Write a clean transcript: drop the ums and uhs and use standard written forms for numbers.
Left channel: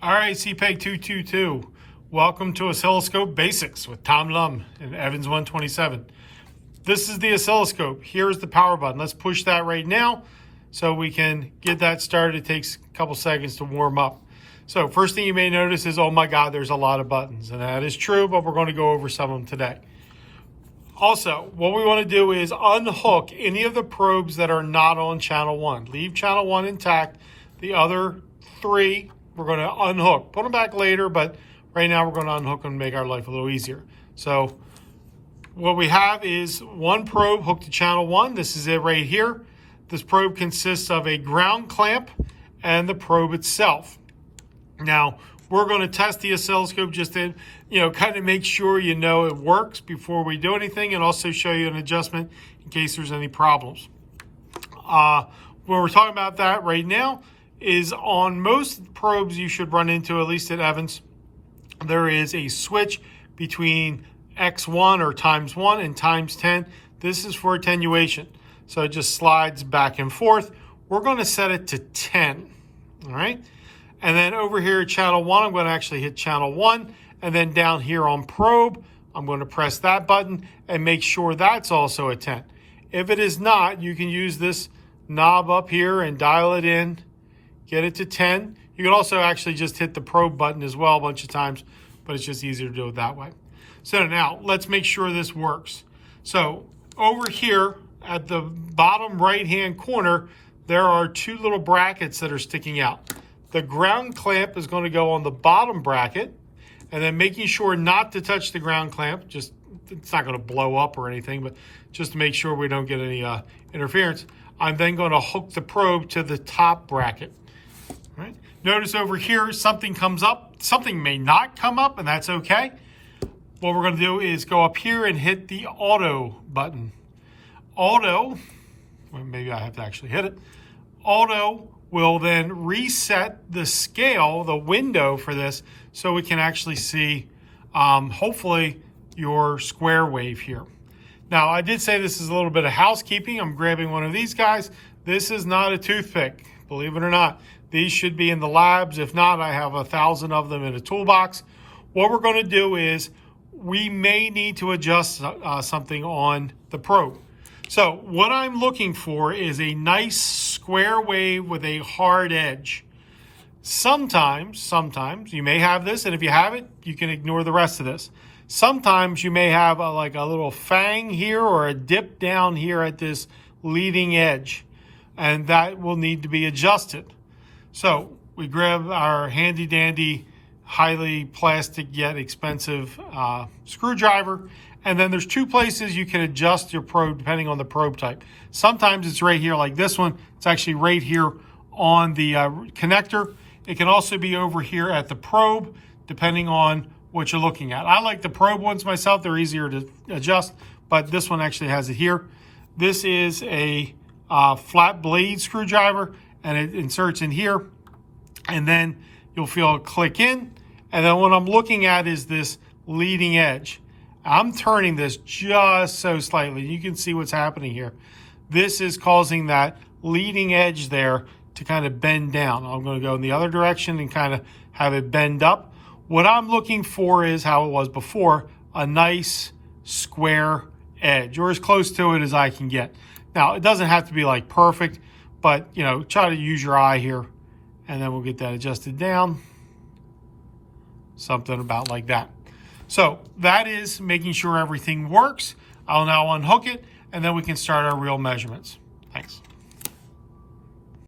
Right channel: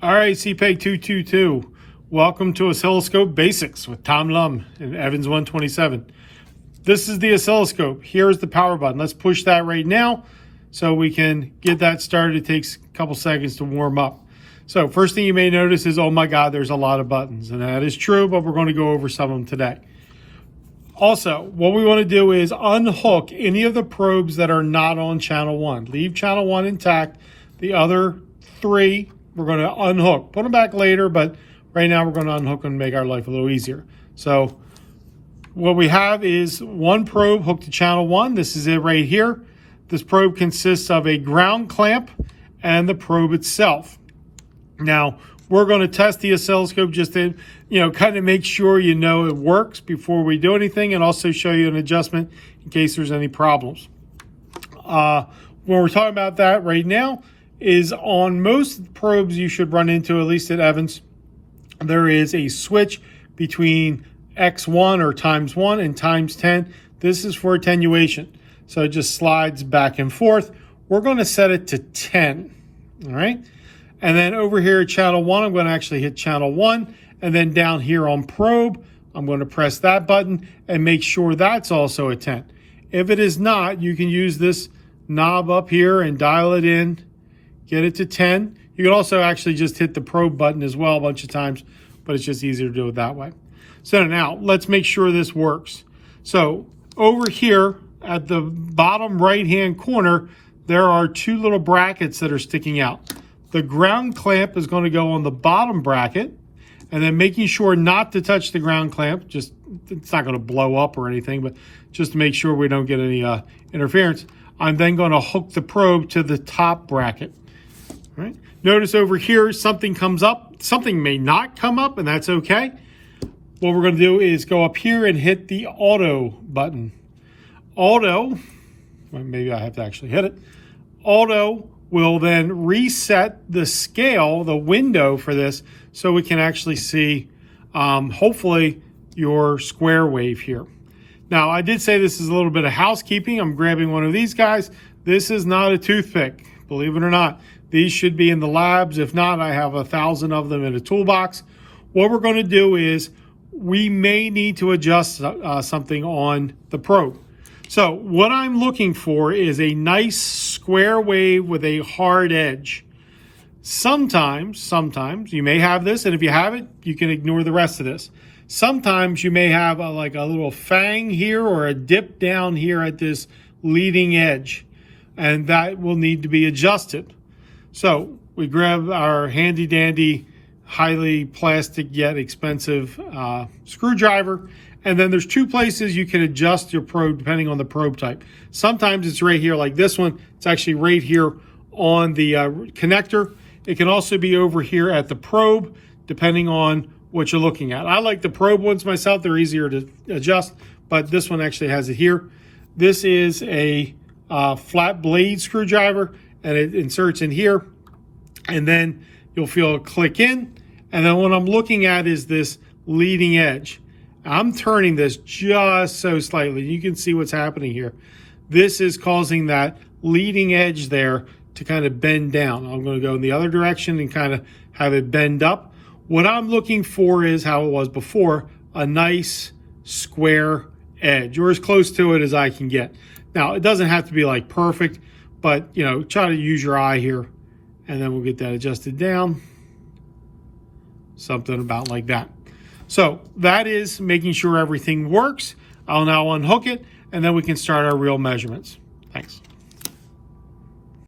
All right, CPEG 222. Welcome to Oscilloscope Basics with Tom Lum and Evans 127. This is the oscilloscope. Here's the power button. Let's push that right now so we can get that started. It takes a couple seconds to warm up. So first thing you may notice is, oh my God, there's a lot of buttons. And that is true, but we're going to go over some of them today. Also, what we want to do is unhook any of the probes that are not on channel 1. Leave channel 1 intact. The other 3, we're going to unhook. Put them back later, but right now we're going to unhook them and make our life a little easier. So what we have is one probe hooked to channel 1. This is it right here. This probe consists of a ground clamp and the probe itself. Now, we're going to test the oscilloscope just to, kind of make sure it works before we do anything, and also show you an adjustment in case there's any problems. When we're talking about that right now is on most probes you should run into, at least at Evans, there is a switch between X1 or times 1 and times 10. This is for attenuation. So it just slides back and forth. We're going to set it to 10. All right. And then over here at channel 1, I'm going to actually hit channel 1. And then down here on probe, I'm going to press that button and make sure that's also a 10. If it is not, you can use this knob up here and dial it in, get it to 10. You can also actually just hit the probe button as well a bunch of times, but it's just easier to do it that way. So now let's make sure this works. So over here at the bottom right-hand corner, there are 2 little brackets that are sticking out. The ground clamp is going to go on the bottom bracket, and then making sure not to touch the ground clamp, just it's not going to blow up or anything, but just to make sure we don't get any interference, I'm then going to hook the probe to the top bracket. All right. Notice over here something comes up. Something may not come up, and that's okay. What we're going to do is go up here and hit the auto button. Auto, well, maybe I have to actually hit it. Auto will then reset the scale, the window for this, so we can actually see, hopefully, your square wave here. Now, I did say this is a little bit of housekeeping. I'm grabbing one of these guys. This is not a toothpick, believe it or not. These should be in the labs. If not, I have 1,000 of them in a toolbox. What we're going to do is we may need to adjust something on the probe. So what I'm looking for is a nice square wave with a hard edge. Sometimes you may have this, and if you have it, you can ignore the rest of this. Sometimes you may have like a little fang here or a dip down here at this leading edge, and that will need to be adjusted. So we grab our handy dandy, highly plastic yet expensive screwdriver, and then there's 2 places you can adjust your probe depending on the probe type. Sometimes it's right here like this one. It's actually right here on the connector. It can also be over here at the probe depending on what you're looking at. I like the probe ones myself. They're easier to adjust, but this one actually has it here. This is a flat blade screwdriver, and it inserts in here, and then you'll feel it click in. And then what I'm looking at is this leading edge. I'm turning this just so slightly. You can see what's happening here. This is causing that leading edge there to kind of bend down. I'm going to go in the other direction and kind of have it bend up. What I'm looking for is how it was before, a nice square edge, or as close to it as I can get. Now, it doesn't have to be like perfect, but try to use your eye here, and then we'll get that adjusted down. Something about like that. So that is making sure everything works. I'll now unhook it, and then we can start our real measurements. Thanks.